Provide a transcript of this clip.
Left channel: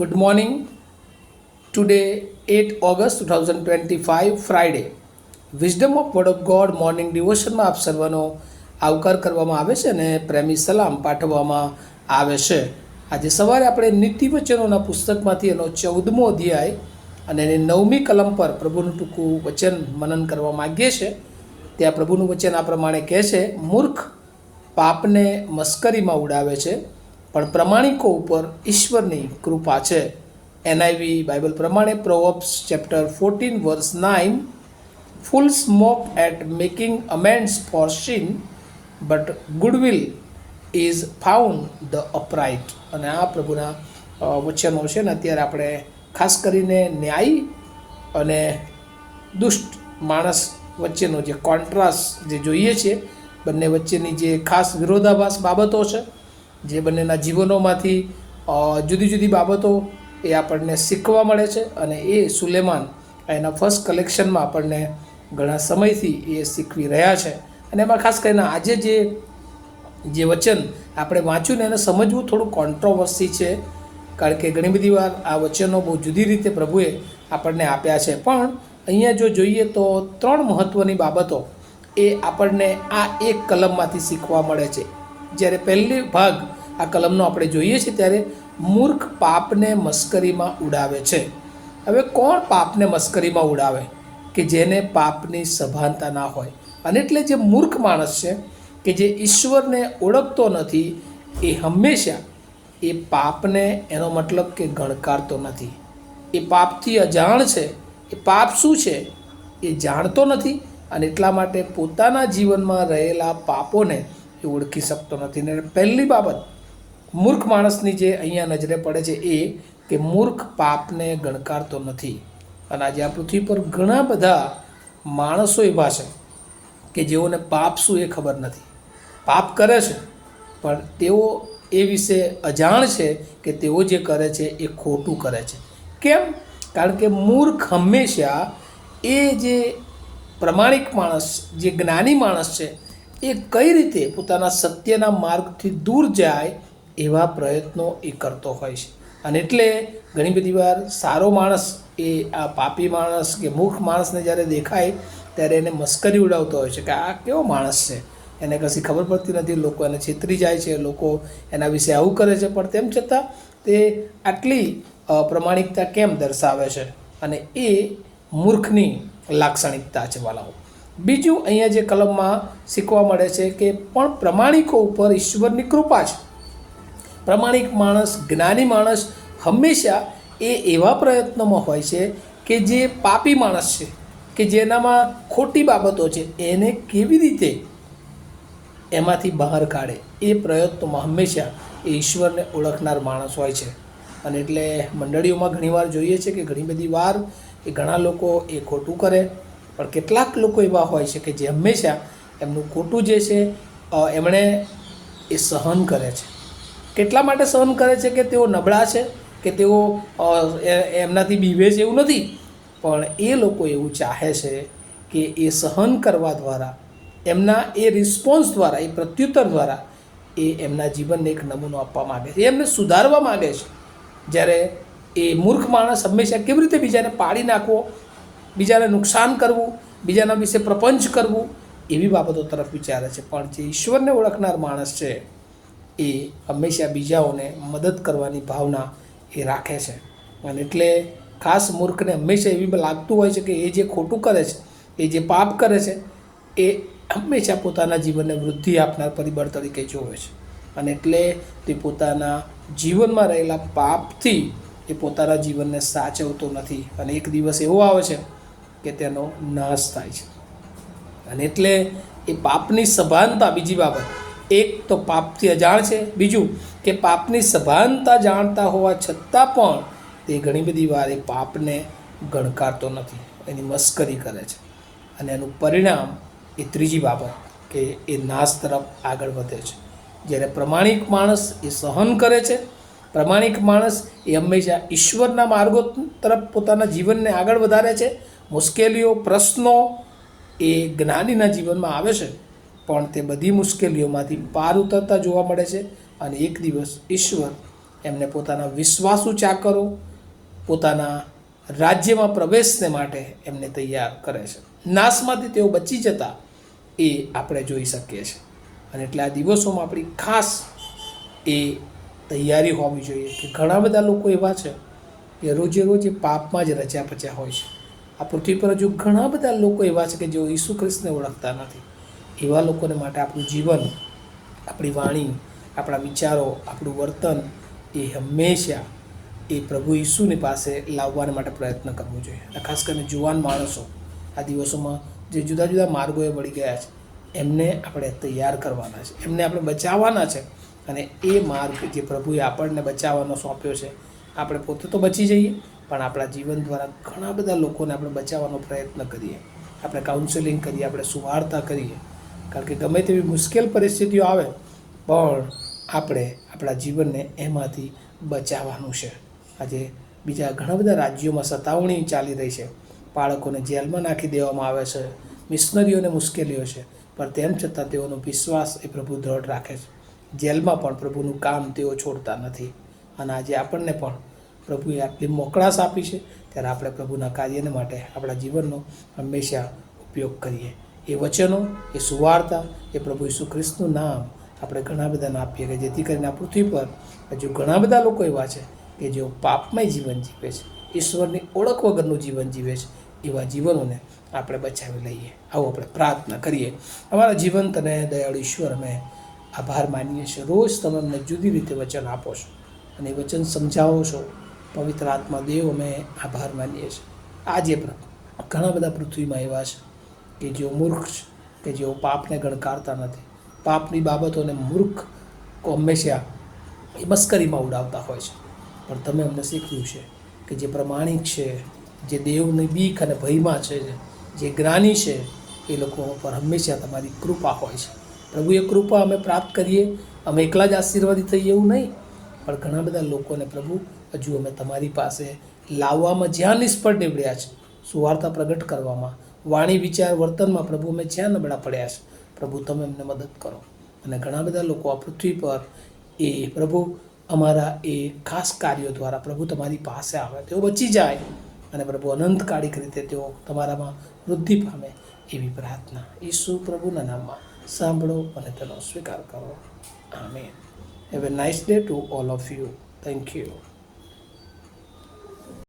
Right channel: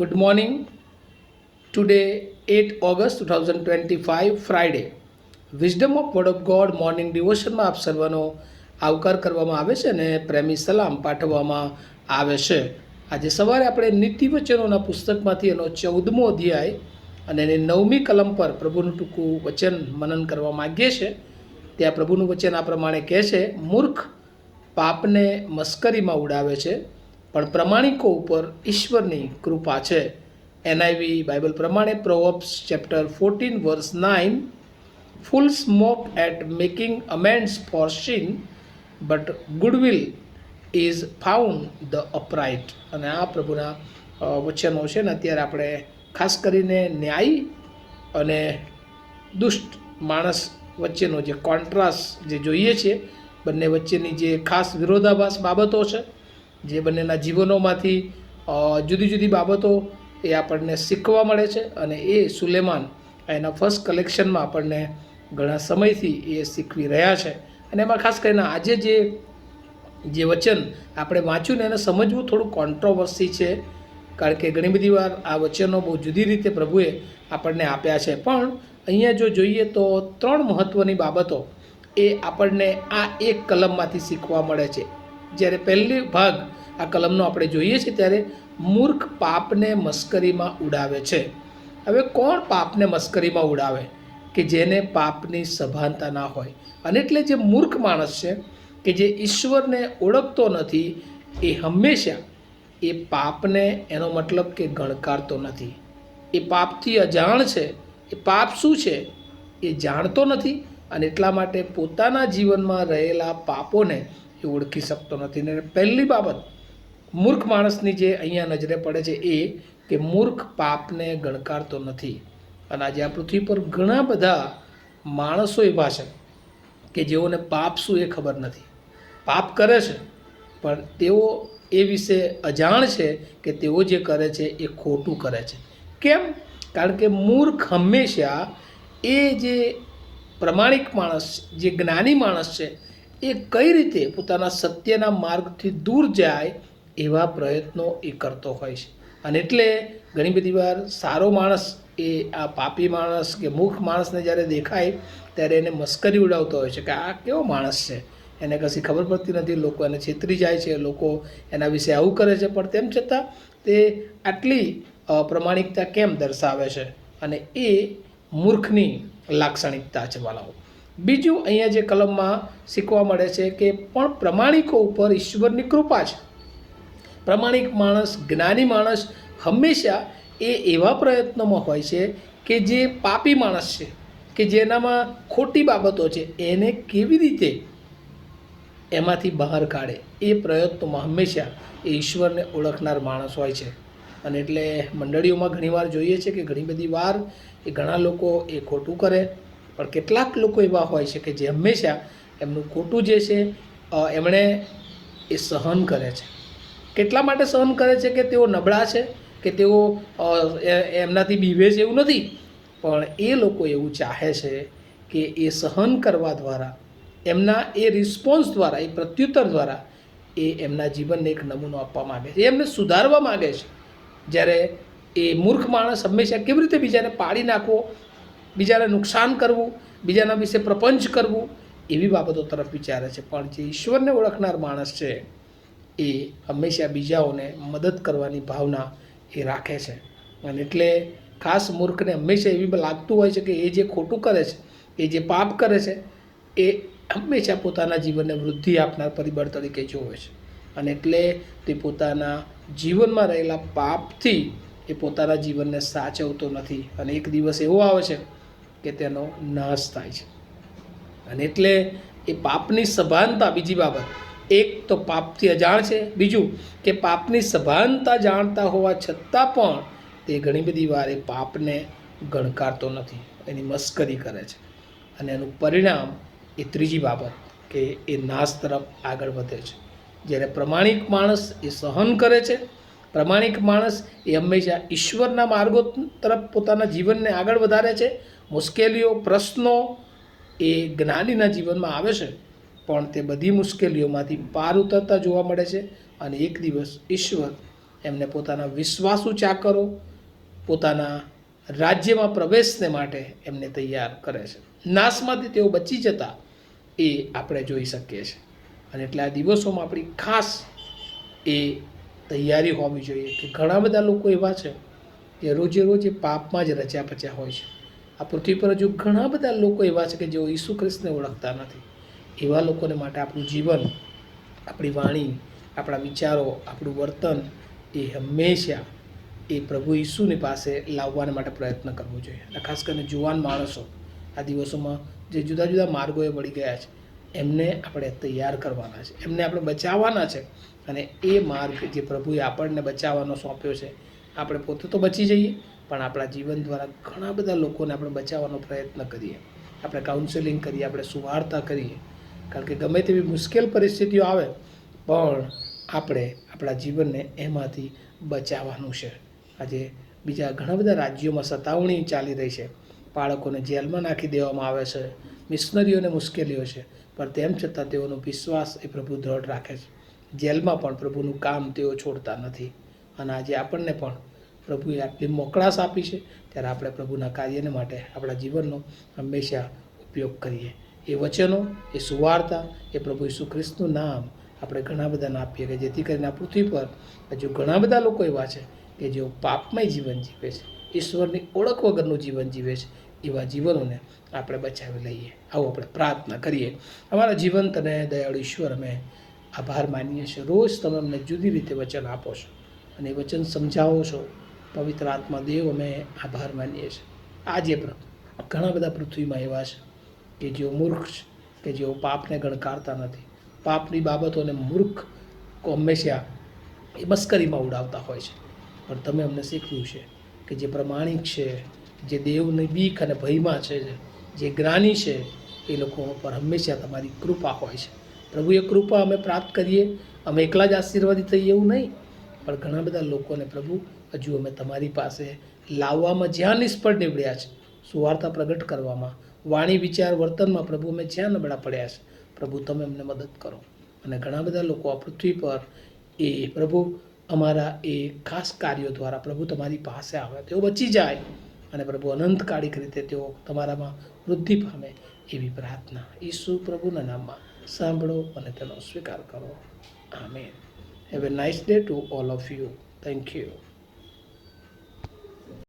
Good morning. Today, 8 August 2025, Friday. Wisdom of word of God morning ડિવોશનમાં આપ સર્વનો આવકાર કરવામાં આવે છે અને પ્રેમી સલામ પાઠવવામાં આવે છે. આજે સવારે આપણે નીતિવચનોના પુસ્તકમાંથી એનો 14મો અધ્યાય અને એની 9મી કલમ પર પ્રભુનું ટૂંકું વચન મનન કરવા માગીએ છીએ. ત્યાં પ્રભુનું વચન આ પ્રમાણે કહે છે, મૂર્ખ પાપને મસ્કરીમાં ઉડાવે છે, પણ પ્રમાણિકો ઉપર ઈશ્વરની કૃપા છે. એનઆઈવી બાઇબલ પ્રમાણે પ્રોવર્બ્સ chapter 14 વર્સ 9, fools mock at making amends for sin, but goodwill is found the upright. અને આ પ્રભુના વચનો છે ને અત્યારે આપણે ખાસ કરીને ન્યાયી અને દુષ્ટ માણસ વચ્ચેનો જે કોન્ટ્રાસ્ટ જે જોઈએ છીએ, બંને વચ્ચેની જે ખાસ વિરોધાભાસ બાબતો છે, જે બંનેના જીવનોમાંથી જુદી જુદી બાબતો એ આપણને શીખવા મળે છે. અને એ સુલેમાન એના ફર્સ્ટ કલેક્શનમાં આપણને ઘણા સમયથી એ શીખવી રહ્યા છે. અને એમાં ખાસ કરીને આજે જે વચન આપણે વાંચ્યું ને એને સમજવું થોડું કોન્ટ્રોવર્સી છે, કારણ કે ઘણી બધી વાર આ વચનો બહુ જુદી રીતે પ્રભુએ આપણને આપ્યા છે. પણ અહીંયા જો જોઈએ તો 3 મહત્ત્વની બાબતો એ આપણને આ એક કલમમાંથી શીખવા મળે છે. જ્યારે પહેલી ભાગ આ કલમનો આપણે જોઈએ છીએ ત્યારે મૂર્ખ પાપને મસ્કરીમાં ઉડાવે છે. હવે કોણ પાપને મસ્કરીમાં ઉડાવે? કે જેને પાપની સભાનતા ના હોય. અને એટલે જે મૂર્ખ માણસ છે કે જે ઈશ્વરને ઓળખતો નથી, એ હંમેશા એ પાપને એનો મતલબ કે ગણકારતો નથી. એ પાપથી અજાણ છે. એ પાપ શું છે એ જાણતો નથી, અને એટલા માટે પોતાના જીવનમાં રહેલા પાપોને એ ઓળખી શકતો નથી. ને પહેલી બાબત મૂર્ખ માણસની જે અહીંયા નજરે પડે છે એ કે મૂર્ખ પાપને ગણકારતો નથી. અને આજે આ પૃથ્વી પર ઘણા બધા માણસો એવા છે કે જેઓને પાપ શું એ ખબર નથી. પાપ કરે છે પણ તેઓ એ વિશે અજાણ છે કે તેઓ જે કરે છે એ ખોટું કરે છે. કેમ? કારણ કે મૂર્ખ હંમેશા એ જે પ્રમાણિક માણસ, જે જ્ઞાની માણસ છે, એ કઈ રીતે પોતાના સત્યના માર્ગથી દૂર જાય એવા પ્રયત્નો એ કરતો હોય છે. અને એટલે ઘણી બધી વાર સારો માણસ એ આ પાપી માણસ કે મૂર્ખ માણસને જ્યારે દેખાય ત્યારે એને મસ્કરી ઉડાવતો હોય છે કે આ કેવો માણસ છે, એને કશી ખબર પડતી નથી, લોકો એને છેતરી જાય છે, લોકો એના વિશે આવું કરે છે, પણ તેમ છતાં તે આટલી પ્રમાણિકતા કેમ દર્શાવે છે? અને એ મૂર્ખની લાક્ષણિકતા છે વાલાઓ. બીજું અહીંયા જે કલમમાં શીખવા મળે છે કે પણ પ્રમાણિકો ઉપર ઈશ્વરની કૃપા છે. પ્રમાણિક માણસ, જ્ઞાની માણસ હંમેશા એ એવા પ્રયત્નોમાં હોય છે કે જે પાપી માણસ છે, કે જેનામાં ખોટી બાબતો છે, એને કેવી રીતે એમાંથી બહાર કાઢે એ પ્રયત્નોમાં હંમેશા એ ઈશ્વરને ઓળખનાર માણસ હોય છે. અને એટલે મંડળીઓમાં ઘણીવાર જોઈએ છે કે ઘણી બધી વાર એ ઘણા લોકો એ ખોટું કરે, પણ કેટલાક લોકો એવા હોય છે કે જે હંમેશા એમનું ખોટું જે છે એમણે એ સહન કરે છે. કેટલા માટે સહન કરે છે? કે તેઓ નબળા છે, કે તેઓ એમનાથી બીવે છે એવું નથી, પણ એ લોકો એવું ચાહે છે કે એ સહન કરવા દ્વારા, એમના એ રિસ્પોન્સ દ્વારા, એ પ્રત્યુત્તર દ્વારા એ એમના જીવનને એક નમૂનો આપવા માગે છે, એમને સુધારવા માગે છે. જ્યારે એ મૂર્ખ માણસ હંમેશા કેવી રીતે બીજાને પાડી નાખવો, બીજાને નુકસાન કરવું, બીજાના વિશે પ્રપંચ કરવું, એવી બાબતો તરફ વિચારે છે. પણ જે ઈશ્વરને ઓળખનાર માણસ છે એ હંમેશા બીજાઓને મદદ કરવાની ભાવના એ રાખે છે. અને એટલે ખાસ મૂર્ખને હંમેશા એવી લાગતું હોય છે કે એ જે ખોટું કરે છે, એ જે પાપ કરે છે, એ હંમેશા પોતાના જીવનને વૃદ્ધિ આપનાર પરિબળ તરીકે જોવે છે. અને એટલે તે પોતાના જીવનમાં રહેલા પાપથી એ પોતાના જીવનને સાચવતો નથી, અને એક દિવસ એવો આવે છે કે તેનો નાશ થાય છે. અને એટલે એ પાપની સભાનતા, બીજી બાબત, એક તો પાપથી અજાણ છે, બીજું કે પાપની સભાનતા જાણતા હોવા છતાં પણ તે ઘણી બધી વાર એ પાપને ગણકારતો નથી, એની મસ્કરી કરે છે. અને એનું પરિણામ એ ત્રીજી બાબત કે એ નાશ તરફ આગળ વધે છે. જ્યારે પ્રમાણિક માણસ એ સહન કરે છે, પ્રમાણિક માણસ એ હંમેશા ઈશ્વરના માર્ગો તરફ પોતાના જીવનને આગળ વધારે છે. મુશ્કેલીઓ, પ્રશ્નો એ જ્ઞાનીના જીવનમાં આવે છે, પણ તે બધી મુશ્કેલીઓમાંથી પાર ઉતરતા જોવા મળે છે. અને એક દિવસ ઈશ્વર એમને પોતાના વિશ્વાસુ ચાકરો પોતાના રાજ્યમાં પ્રવેશને માટે એમને તૈયાર કરે છે. નાશમાંથી તેઓ બચી જતા એ આપણે જોઈ શકીએ છીએ. અને એટલે આ દિવસોમાં આપણી ખાસ એ તૈયારી હોવી જોઈએ કે ઘણા બધા લોકો એવા છે કે રોજે રોજ પાપમાં જ રચ્યા પચ્યા હોય છે. આ પૃથ્વી પર હજુ ઘણા બધા લોકો એવા છે કે જેઓ ઈસુ ખ્રિસ્તને ઓળખતા નથી. એવા લોકોને માટે આપણું જીવન, આપણી વાણી, આપણા વિચારો, આપણું વર્તન એ હંમેશા એ પ્રભુ ઈસુની પાસે લાવવા માટે પ્રયત્ન કરવો જોઈએ. ખાસ કરીને જુવાન માણસો આ દિવસોમાં જે જુદા જુદા માર્ગોએ વળી ગયા છે એમને આપણે તૈયાર કરવાના છે, એમને આપણે બચાવવાના છે. અને એ માર્ગ જે પ્રભુએ આપણને બચાવવાનો સોંપ્યો છે, આપણે પોતે તો બચી જઈએ પણ આપણા જીવન દ્વારા ઘણા બધા લોકોને આપણે બચાવવાનો પ્રયત્ન કરીએ, આપણે કાઉન્સેલિંગ કરીએ, આપણે સુવાર્તા કરીએ. કારણ કે ગમે તેવી મુશ્કેલ પરિસ્થિતિઓ આવે પણ આપણે આપણા જીવનને એમાંથી બચાવવાનું છે. આજે બીજા ઘણા બધા રાજ્યોમાં સતાવણી ચાલી રહી છે, બાળકોને જેલમાં નાખી દેવામાં આવે છે, મિશનરીઓને મુશ્કેલીઓ છે, પણ તેમ છતાં તેઓનો વિશ્વાસ એ પ્રભુ દ્રઢ રાખે છે. જેલમાં પણ પ્રભુનું કામ તેઓ છોડતા નથી. અને આજે આપણને પણ પ્રભુએ આટલી મોકળાશ આપી છે ત્યારે આપણે પ્રભુના કાર્યને માટે આપણા જીવનનો હંમેશા ઉપયોગ કરીએ. એ વચનો, એ સુવાર્તા, એ પ્રભુ ઈસુ ખ્રિસ્તનું નામ આપણે ઘણા બધાને આપીએ કે જેથી કરીને આ પૃથ્વી પર હજુ ઘણા બધા લોકો એવા છે કે જેઓ પાપમય જીવન જીવે છે, ઈશ્વરની ઓળખ વગરનું જીવન જીવે છે. એવા જીવનોને આપણે બચાવી લઈએ. આવો આપણે પ્રાર્થના કરીએ. અમારા જીવંત અને દયાળુ ઈશ્વર, અમે આભાર માનીએ છીએ. રોજ તમે અમને જુદી રીતે વચન આપો છો અને એ વચન સમજાવો છો. પવિત્ર આત્મા દેવ, અમે આભાર માનીએ છીએ. આજે પણ ઘણા બધા પૃથ્વીમાં એવા છે કે જેઓ મૂર્ખ છે, કે જેઓ પાપને ગણકારતા નથી, પાપની બાબતોને મૂર્ખ હંમેશા એ મસ્કરીમાં ઉડાવતા હોય છે. પણ તમે અમને શીખ્યું છે કે જે પ્રમાણિક છે, જે દેવની બીક અને ભયમાં છે, જે જ્ઞાની છે, એ લોકો પર હંમેશા તમારી કૃપા હોય છે. પ્રભુ, એ કૃપા અમે પ્રાપ્ત કરીએ. અમે એકલા જ આશીર્વાદિત થઈએ એવું નહીં, પણ ઘણા બધા લોકોને પ્રભુ હજુ અમે તમારી પાસે લાવવામાં જ્યાં નિષ્ફળ નીવડ્યા છે, સુવાર્તા પ્રગટ કરવામાં, વાણી, વિચાર, વર્તનમાં પ્રભુ અમે જ્યાં નબળા પડ્યા છે, પ્રભુ તમે અમને મદદ કરો. અને ઘણા બધા લોકો આ પૃથ્વી પર એ પ્રભુ અમારા એ ખાસ કાર્યો દ્વારા પ્રભુ તમારી પાસે આવે, તેઓ બચી જાય અને પ્રભુ અનંતકાળિક રીતે તેઓ તમારામાં વૃદ્ધિ પામે એવી પ્રાર્થના ઈસુ પ્રભુના નામમાં સાંભળો અને તેનો સ્વીકાર કરો. Amen. Have a nice day to all of you. Thank you.